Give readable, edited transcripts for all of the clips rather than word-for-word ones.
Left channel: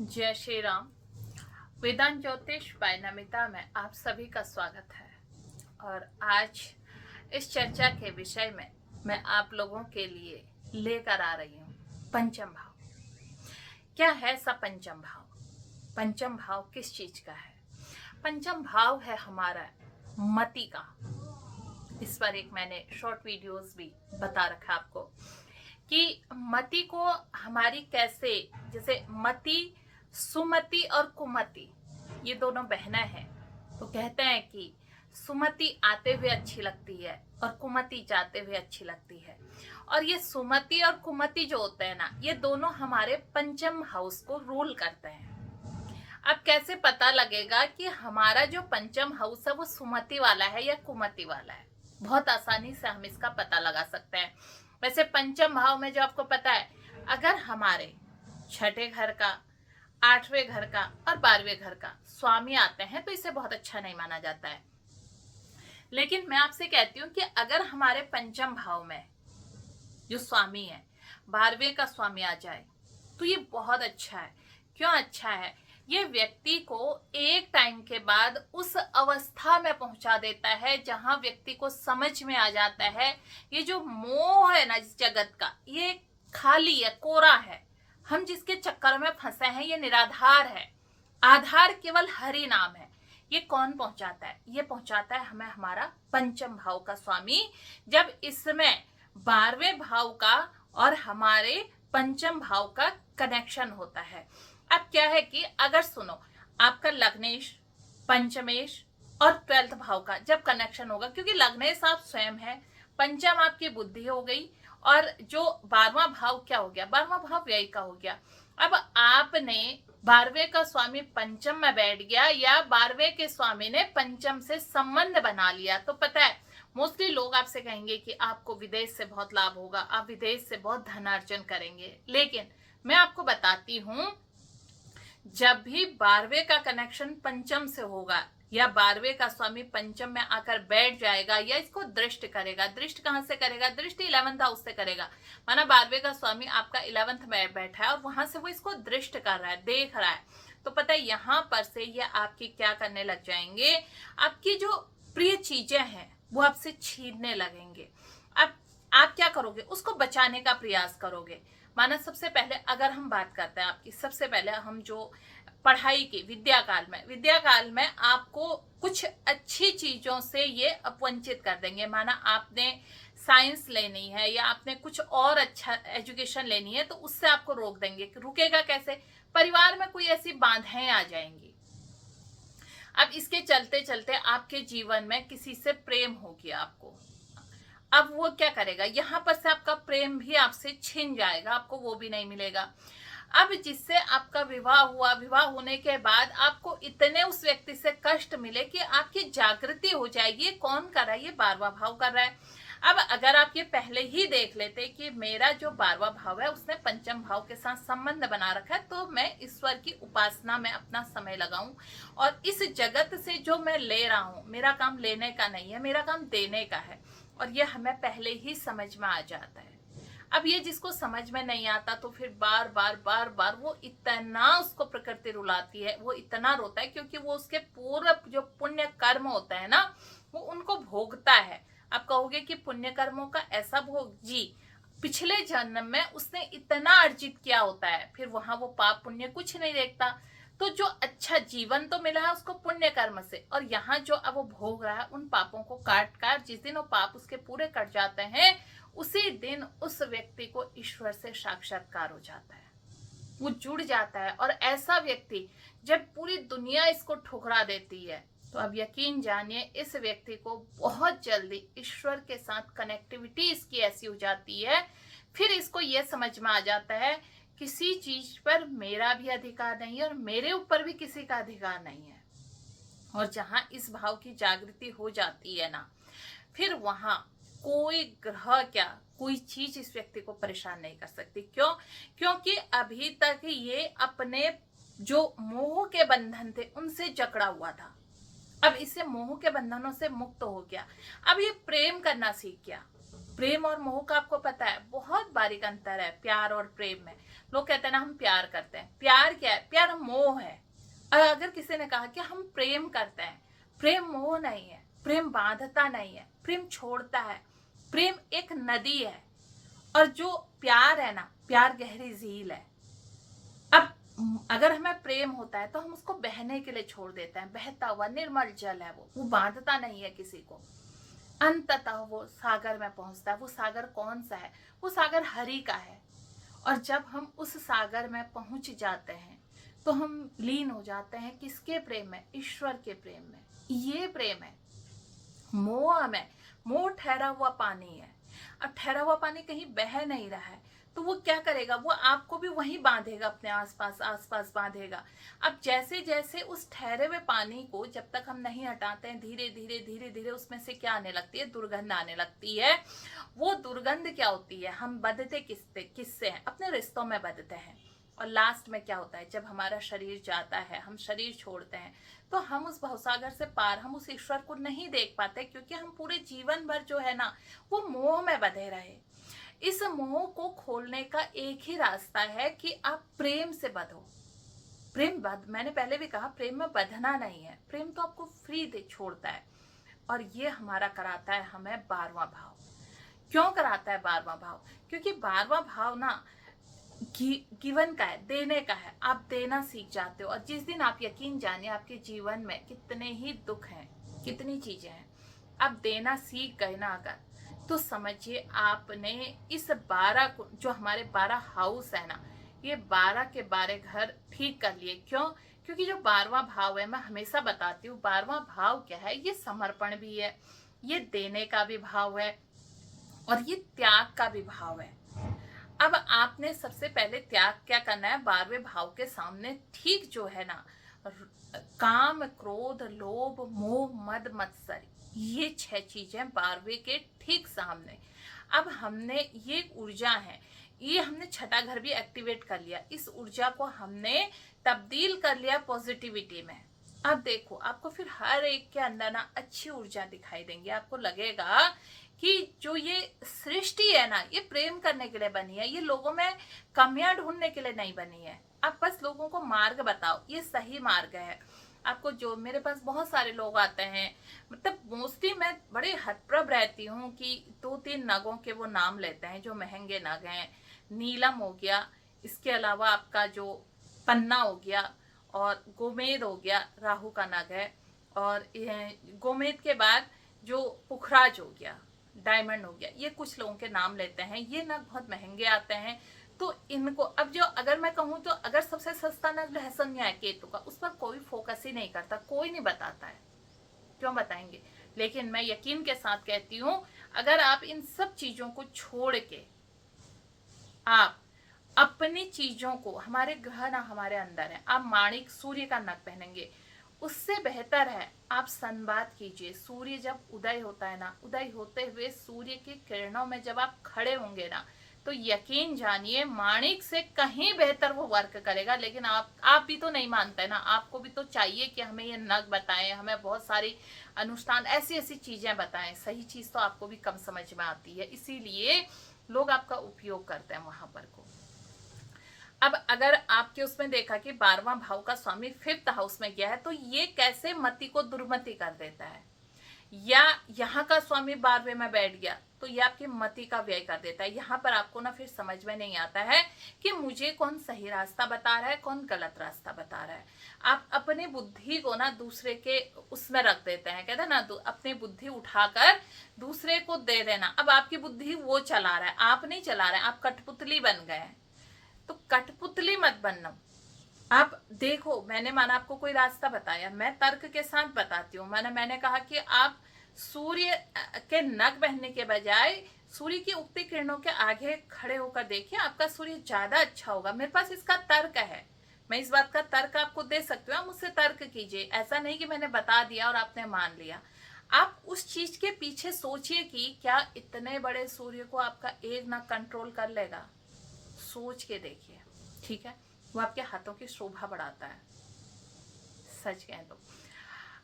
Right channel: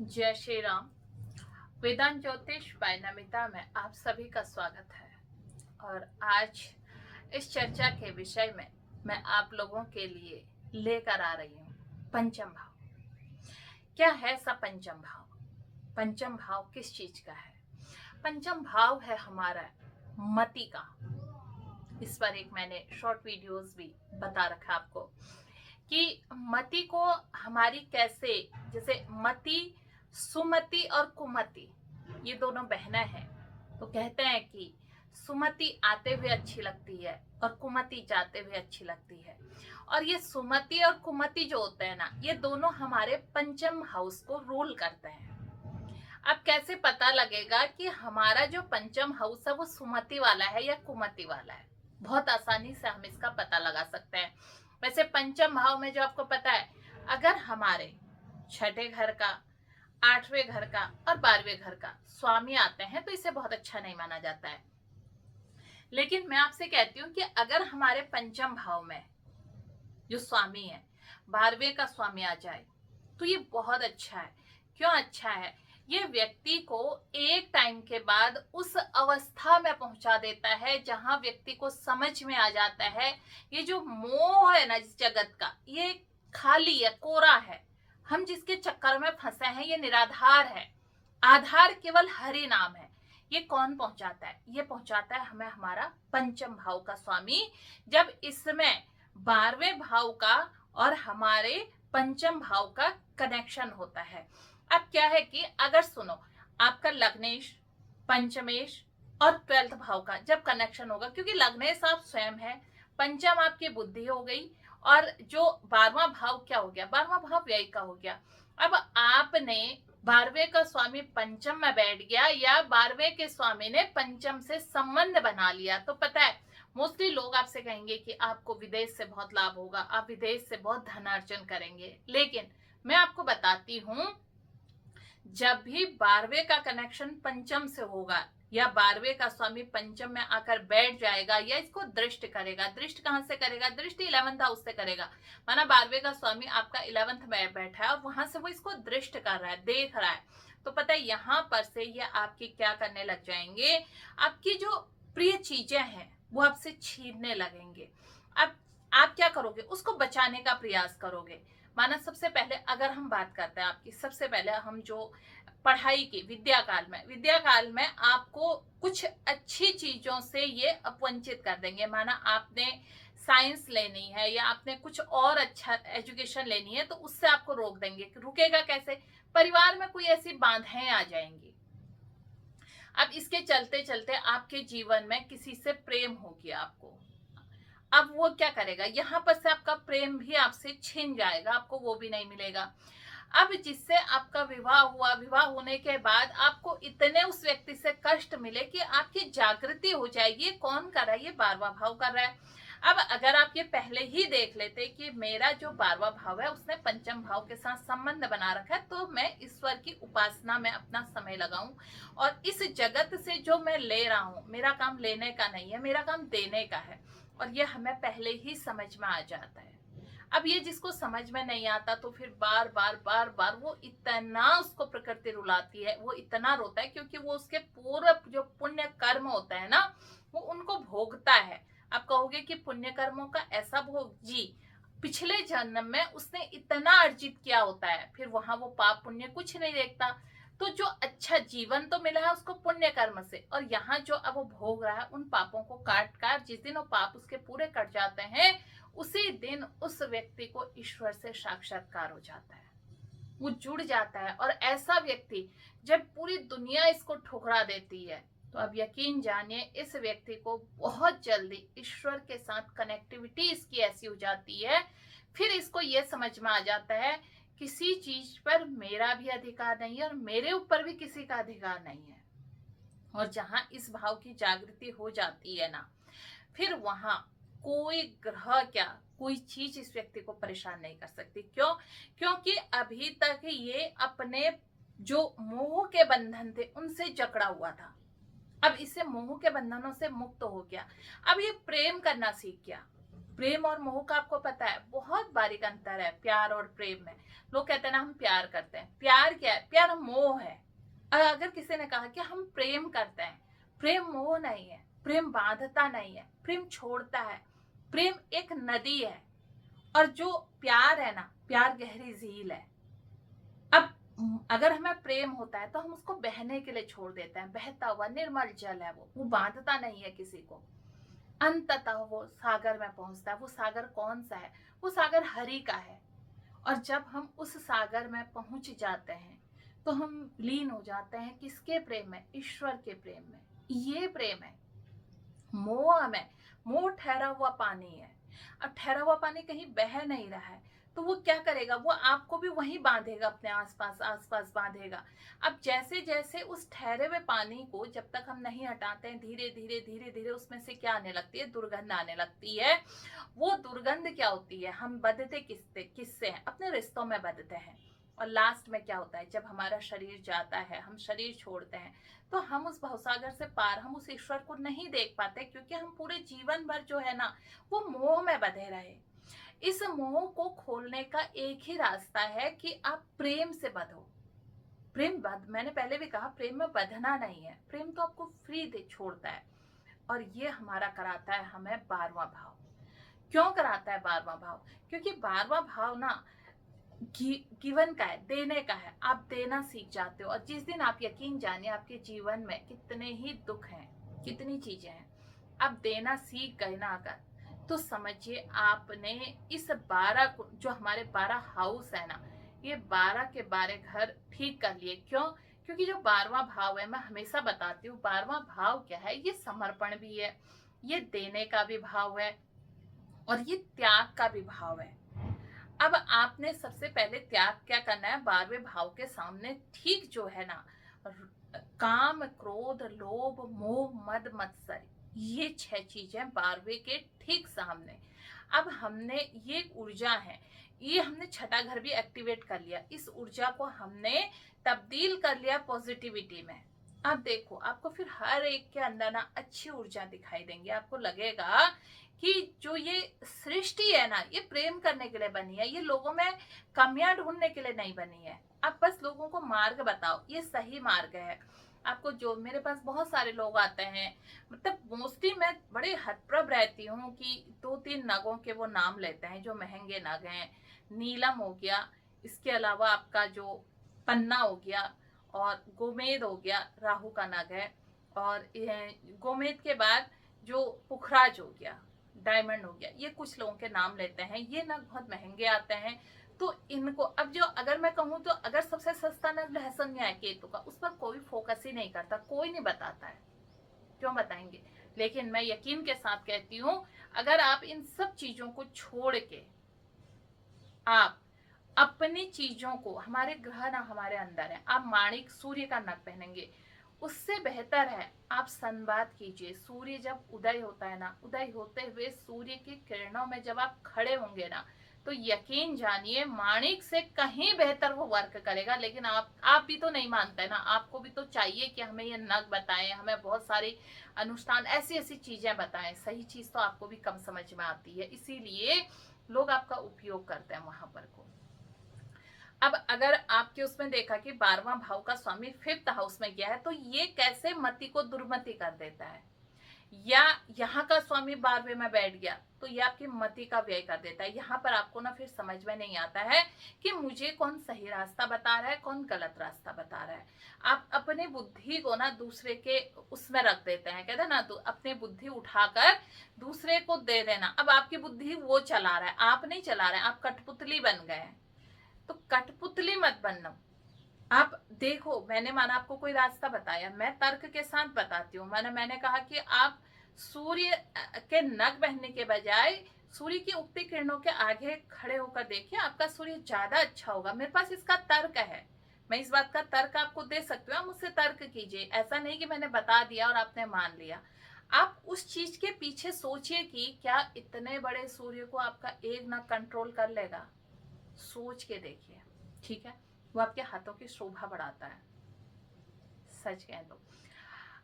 जय श्री राम। वेदांत ज्योतिष बाय नमिता में आप सभी का स्वागत है। और आज इस चर्चा के विषय में मैं आप लोगों के लिए लेकर आ रही हूँ पंचम भाव। क्या है सा पंचम भाव? पंचम भाव किस चीज का है? पंचम भाव है हमारा मति का। इस पर एक मैंने शॉर्ट वीडियोस भी बता रखा आपको कि मति को हमारी कैसे, जैसे मति, सुमति और कुमति ये दोनों बहनें हैं। तो कहते हैं कि सुमति आते हुए अच्छी लगती है और कुमति जाते हुए अच्छी लगती है। और ये सुमति और कुमति जो होते हैं ना, ये दोनों हमारे पंचम हाउस को रूल करते हैं। अब कैसे पता लगेगा कि हमारा जो पंचम हाउस है वो सुमति वाला है या कुमति वाला है? बहुत आसानी से हम इसका पता लगा सकते हैं। वैसे पंचम भाव में जो आपको पता है, अगर हमारे छठे घर का, आठवें घर का और 12वें घर का स्वामी आते हैं तो इसे बहुत अच्छा नहीं माना जाता है। लेकिन मैं आपसे कहती हूँ कि अगर हमारे पंचम भाव में जो स्वामी है 12वें का स्वामी आ जाए तो ये बहुत अच्छा है। क्यों अच्छा है? ये व्यक्ति को एक टाइम के बाद उस अवस्था में पहुंचा देता है जहां व्यक्ति को समझ में आ जाता है ये जो मोह है ना इस जगत का, ये खाली है, कोरा है। हम जिसके चक्कर में फंसे हैं ये निराधार है, आधार केवल हरि नाम है। ये कौन पहुंचाता है? ये पहुंचाता है हमें हमारा पंचम भाव का स्वामी, जब इसमें 12वें भाव का और हमारे पंचम भाव का कनेक्शन होता है। अब क्या है कि अगर सुनो, आपका लग्नेश, पंचमेश और 12th भाव का जब कनेक्शन होगा, क्योंकि लग्नेश आप स्वयं है, पंचम आपकी बुद्धि हो गई और जो 12वां भाव क्या हो गया? 12वां भाव व्यय का हो गया। अब आपने 12वें का स्वामी पंचम में बैठ गया या 12वें के स्वामी ने पंचम से संबंध बना लिया, तो पता है मोस्टली लोग आपसे कहेंगे कि आपको विदेश से बहुत लाभ होगा, आप विदेश से बहुत धन अर्जन करेंगे। लेकिन मैं आपको बताती हूं, जब भी 12वें का कनेक्शन पंचम से होगा या 12वें का स्वामी पंचम में आकर बैठ जाएगा या इसको दृष्ट करेगा, दृष्ट कहां से करेगा? दृष्टि 11th हाउस से करेगा। माना 12वें का स्वामी आपका 11th में बैठा है और वहां से वो इसको दृष्ट कर रहा है, देख रहा है, तो पता है यहां पर से ये आपकी क्या करने लग जाएंगे? आपकी जो प्रिय चीजें हैं वो आपसे छीनने लगेंगे। अब आप क्या करोगे? उसको बचाने का प्रयास करोगे। माना सबसे पहले अगर हम बात करते हैं आपकी, सबसे पहले हम जो पढ़ाई की विद्या काल में आपको कुछ अच्छी चीजों से ये अपवंचित कर देंगे। माना आपने साइंस लेनी है या आपने कुछ और अच्छा एजुकेशन लेनी है तो उससे आपको रोक देंगे। रुकेगा कैसे? परिवार में कोई ऐसी बाधाएं आ जाएंगी। अब इसके चलते चलते आपके जीवन में किसी से प्रेम हो गया आपको, अब वो क्या करेगा? यहां पर से आपका प्रेम भी आपसे छिन जाएगा, आपको वो भी नहीं मिलेगा। अब जिससे आपका विवाह हुआ, विवाह होने के बाद आपको इतने उस व्यक्ति से कष्ट मिले कि आपकी जागृति हो जाएगी। कौन कर रहा है? ये 12वां भाव कर रहा है। अब अगर आप ये पहले ही देख लेते कि मेरा जो 12वां भाव है उसने पंचम भाव के साथ संबंध बना रखा है, तो मैं ईश्वर की उपासना में अपना समय लगाऊं और इस जगत से जो मैं ले रहा हूं, मेरा काम लेने का नहीं है, मेरा काम देने का है। और ये हमें पहले ही समझ में आ जाता है। अब ये जिसको समझ में नहीं आता तो फिर बार बार वो इतना उसको प्रकृति रुलाती है, वो इतना रोता है, क्योंकि वो उसके पूर्व जो पुण्य कर्म होता है ना वो उनको भोगता है। आप कहोगे कि पुण्य कर्मों का ऐसा भोग? जी, पिछले जन्म में उसने इतना अर्जित किया होता है, फिर वहां वो पाप पुण्य कुछ नहीं देखता। तो जो अच्छा जीवन तो मिला है उसको पुण्य कर्म से, और यहाँ जो अब वो भोग रहा है उन पापों को काट काट, जिस दिन वो पाप उसके पूरे कट जाते हैं उसी दिन उस व्यक्ति को ईश्वर से साक्षात्कार हो जाता है, वो जुड़ जाता है। और ऐसा व्यक्ति जब पूरी दुनिया इसको ठुकरा देती है तो अब यकीन जानिए इस व्यक्ति को बहुत जल्दी ईश्वर के साथ कनेक्टिविटी इसकी ऐसी हो जाती है, फिर इसको ये समझ में आ जाता है किसी चीज पर मेरा भी अधिकार नहीं है और मेरे ऊपर भी किसी का अधिकार नहीं है। और जहां इस भाव की जागृति हो जाती है ना, फिर वहां कोई ग्रह क्या, कोई चीज इस व्यक्ति को परेशान नहीं कर सकती। क्यों? क्योंकि अभी तक ये अपने जो मोह के बंधन थे उनसे जकड़ा हुआ था, अब इसे मोह के बंधनों से मुक्त हो गया। अब ये प्रेम करना सीख गया। प्रेम और मोह का आपको पता है बहुत बारीक अंतर है प्यार और प्रेम में। लोग कहते हैं ना हम प्यार करते हैं, प्यार क्या है? प्यार मोह है। और अगर किसी ने कहा कि हम प्रेम करते हैं, प्रेम मोह नहीं है, प्रेम बांधता नहीं है, प्रेम छोड़ता है, प्रेम एक नदी है। और जो प्यार है ना, प्यार गहरी झील है। अब अगर हमें प्रेम होता है तो हम उसको बहने के लिए छोड़ देते हैं, बहता हुआ निर्मल जल है वो बांधता नहीं है किसी को। अंततः वो सागर में पहुंचता है। वो सागर कौन सा है? वो सागर हरि का है। और जब हम उस सागर में पहुंच जाते हैं तो हम लीन हो जाते हैं किसके प्रेम में? ईश्वर के प्रेम में। ये प्रेम है। मोह में, मोह ठहरा हुआ पानी है। अब ठहरा हुआ पानी कहीं बह नहीं रहा है तो वो क्या करेगा? वो आपको भी वहीं बांधेगा, अपने आसपास आसपास बांधेगा। अब जैसे जैसे उस ठहरे हुए पानी को जब तक हम नहीं हटाते हैं, धीरे धीरे धीरे धीरे उसमें से क्या आने लगती है? दुर्गंध आने लगती है। वो दुर्गंध क्या होती है? हम बंधते किससे हैं? अपने रिश्तों में बंधते हैं। और लास्ट में क्या होता है? जब हमारा शरीर जाता है, हम शरीर छोड़ते हैं, तो हम उस भवसागर से पार, हम उस ईश्वर को नहीं देख पाते, क्योंकि हम पूरे जीवन भर जो है ना, वो मोह में बंधे रहे। इस मोह को खोलने का एक ही रास्ता है कि आप प्रेम से बंधो। मैंने पहले भी कहा, प्रेम में बंधना नहीं है, प्रेम तो आपको फ्री दे छोड़ता है। और ये हमारा कराता है हमें 12वां भाव। क्यों कराता है 12वां भाव? क्योंकि 12वां भाव ना गिवन का है, देने का है। आप देना सीख जाते हो। और जिस दिन आप, यकीन जानिए, आपके जीवन में कितने ही दुख हैं, कितनी चीजें हैं, आप देना सीख गए ना अगर, तो समझिए आपने इस 12 को, जो हमारे 12 हाउस है ना, ये 12 के 12 घर ठीक कर लिए। क्यों? क्योंकि जो 12वां भाव है, मैं हमेशा बताती हूँ, 12वां भाव क्या है? ये समर्पण भी है, ये देने का भी भाव है, और ये त्याग का भी भाव है। अब आपने सबसे पहले त्याग क्या करना है? 12वें भाव के सामने ठीक जो है ना, काम, क्रोध, लोभ, मोह, मद, मत्सर, ये 6 चीजें 12वें के ठीक सामने। अब हमने, ये ऊर्जा है, ये हमने छठा घर भी एक्टिवेट कर लिया। इस ऊर्जा को हमने तब्दील कर लिया पॉजिटिविटी में। अब देखो, आपको फिर हर एक के अंदर ना अच्छी ऊर्जा दिखाई देंगी। आपको लगेगा कि जो ये सृष्टि है ना, ये प्रेम करने के लिए बनी है, ये लोगों में कमियां ढूंढने के लिए नहीं बनी है। आप बस लोगों को मार्ग बताओ, ये सही मार्ग है। आपको, जो मेरे पास बहुत सारे लोग आते हैं, मतलब मोस्टली मैं बड़े हतप्रभ रहती हूँ कि 2-3 नगों के वो नाम लेते हैं जो महंगे नग हैं। नीलम हो गया, इसके अलावा आपका जो पन्ना हो गया, और गोमेद हो गया, राहु का नग है। और गोमेद के बाद जो पुखराज हो गया, डायमंड हो गया, ये कुछ लोगों के नाम लेते हैं। ये नग बहुत महंगे आते हैं। तो इनको, अब जो, अगर मैं कहूँ तो, अगर सबसे सस्ता नग रहस्यमय है केतु का, उस पर कोई फोकस ही नहीं करता, कोई नहीं बताता है। क्यों बताएंगे? लेकिन मैं यकीन के साथ कहती हूँ, अगर आप इन सब चीजों को छोड़ के आप अपनी चीजों को, हमारे ग्रह ना हमारे अंदर है, आप माणिक सूर्य का नग पहनेंगे, उससे बेहतर है आप संवाद कीजिए। सूर्य जब उदय होता है ना, उदय होते हुए सूर्य की किरणों में जब आप खड़े होंगे ना, तो यकीन जानिए माणिक से कहीं बेहतर वो वर्क करेगा। लेकिन आप भी तो नहीं मानते ना, आपको भी तो चाहिए कि हमें ये नग बताएं, हमें बहुत सारी अनुष्ठान, ऐसी ऐसी चीजें बताएं। सही चीज तो आपको भी कम समझ में आती है, इसीलिए लोग आपका उपयोग करते हैं वहां पर को। अब अगर आपके उसमें देखा कि 12वां भाव का स्वामी 5th हाउस में गया है, तो ये कैसे मति को दुर्मति कर देता है। या यहाँ का स्वामी 12वें में बैठ गया तो ये आपकी मति का व्यय कर देता है। यहाँ पर आपको ना फिर समझ में नहीं आता है कि मुझे कौन सही रास्ता बता रहा है, कौन गलत रास्ता बता रहा है। आप अपनी बुद्धि को ना दूसरे के उसमें रख देते हैं, कहते हैं ना, अपनी बुद्धि उठाकर दूसरे को दे देना। अब आपकी बुद्धि वो चला रहा है, आप नहीं चला रहे हैं, आप कठपुतली बन गए हैं। तो कठपुतली मत बनना। आप देखो, मैंने माना आपको कोई रास्ता बताया, मैं तर्क के साथ बताती हूँ। मैंने कहा कि आप सूर्य के नग पहनने के बजाय सूर्य की उगती किरणों के आगे खड़े होकर देखिए, आपका सूर्य ज्यादा अच्छा होगा। मेरे पास इसका तर्क है, मैं इस बात का तर्क आपको दे सकती हूँ, आप मुझसे तर्क कीजिए। ऐसा नहीं कि मैंने बता दिया और आपने मान लिया। आप उस चीज के पीछे सोचिए कि क्या इतने बड़े सूर्य को आपका एक नग कंट्रोल कर लेगा। सोच के देखिए, ठीक है? वो आपके हाथों की शोभा बढ़ाता है, सच कह दो।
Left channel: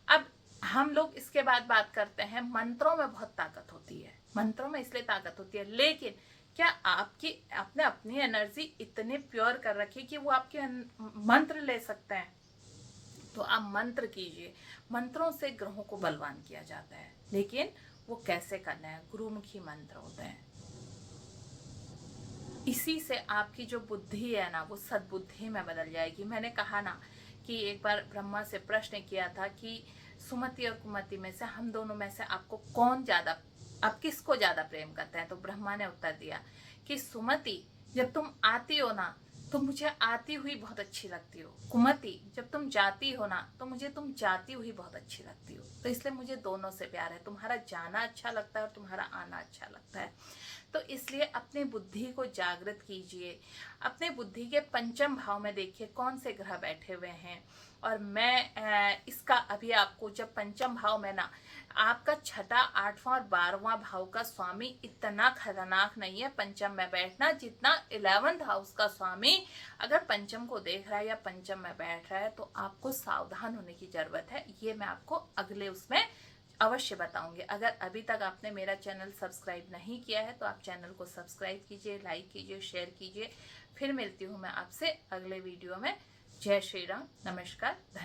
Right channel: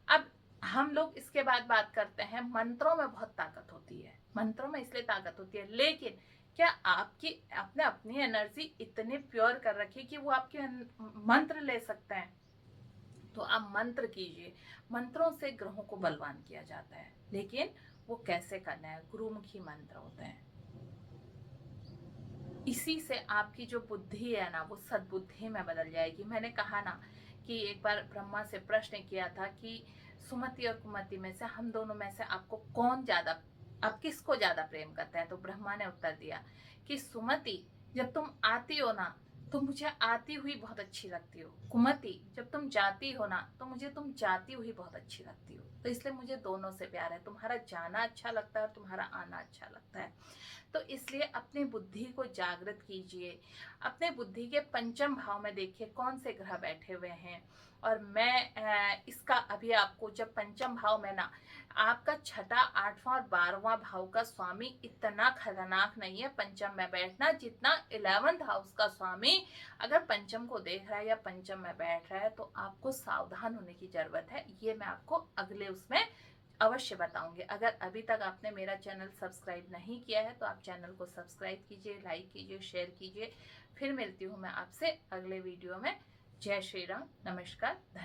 अब हम लोग इसके बाद बात करते हैं, मंत्रों में बहुत ताकत होती है। मंत्रों में इसलिए ताकत होती है, लेकिन क्या आपने अपनी एनर्जी इतनी प्योर कर रखी कि वो आपके मंत्र ले सकते हैं? तो आप मंत्र कीजिए। मंत्रों से ग्रहों को बलवान किया जाता है, लेकिन वो कैसे करना है? गुरुमुखी मंत्र होते हैं। इसी से आपकी जो बुद्धि है ना, वो सद्बुद्धि में बदल जाएगी। मैंने कहा ना कि एक बार ब्रह्मा से प्रश्न किया था कि सुमति और कुमति में से, हम दोनों में से आपको कौन ज्यादा, आप किसको ज्यादा प्रेम करते हैं? तो ब्रह्मा ने उत्तर दिया कि सुमति, जब तुम आती हो ना तो मुझे आती हुई बहुत अच्छी लगती हो। कुमति, जब तुम जाती हो ना तो मुझे तुम जाती हुई बहुत अच्छी लगती हो। तो इसलिए मुझे दोनों से प्यार है। तुम्हारा जाना अच्छा लगता है और तुम्हारा आना अच्छा लगता है। तो इसलिए अपनी बुद्धि को जागृत कीजिए। अपने बुद्धि के पंचम भाव में देखिए कौन से ग्रह बैठे हुए हैं। और मैं इसका अभी आपको, जब पंचम भाव में ना आपका छठा, आठवां और 12वां भाव का स्वामी इतना खतरनाक नहीं है पंचम में बैठना, जितना 11th हाउस का स्वामी अगर पंचम को देख रहा है या पंचम में बैठ रहा है, तो आपको सावधान होने की जरूरत है। ये मैं आपको अगले उसमें अवश्य बताऊंगी। अगर अभी तक आपने मेरा चैनल सब्सक्राइब नहीं किया है तो आप चैनल को सब्सक्राइब कीजिए, लाइक कीजिए, शेयर कीजिए। फिर मिलती हूँ मैं आपसे अगले वीडियो में। जय श्री राम, नमस्कार, धन्यवाद।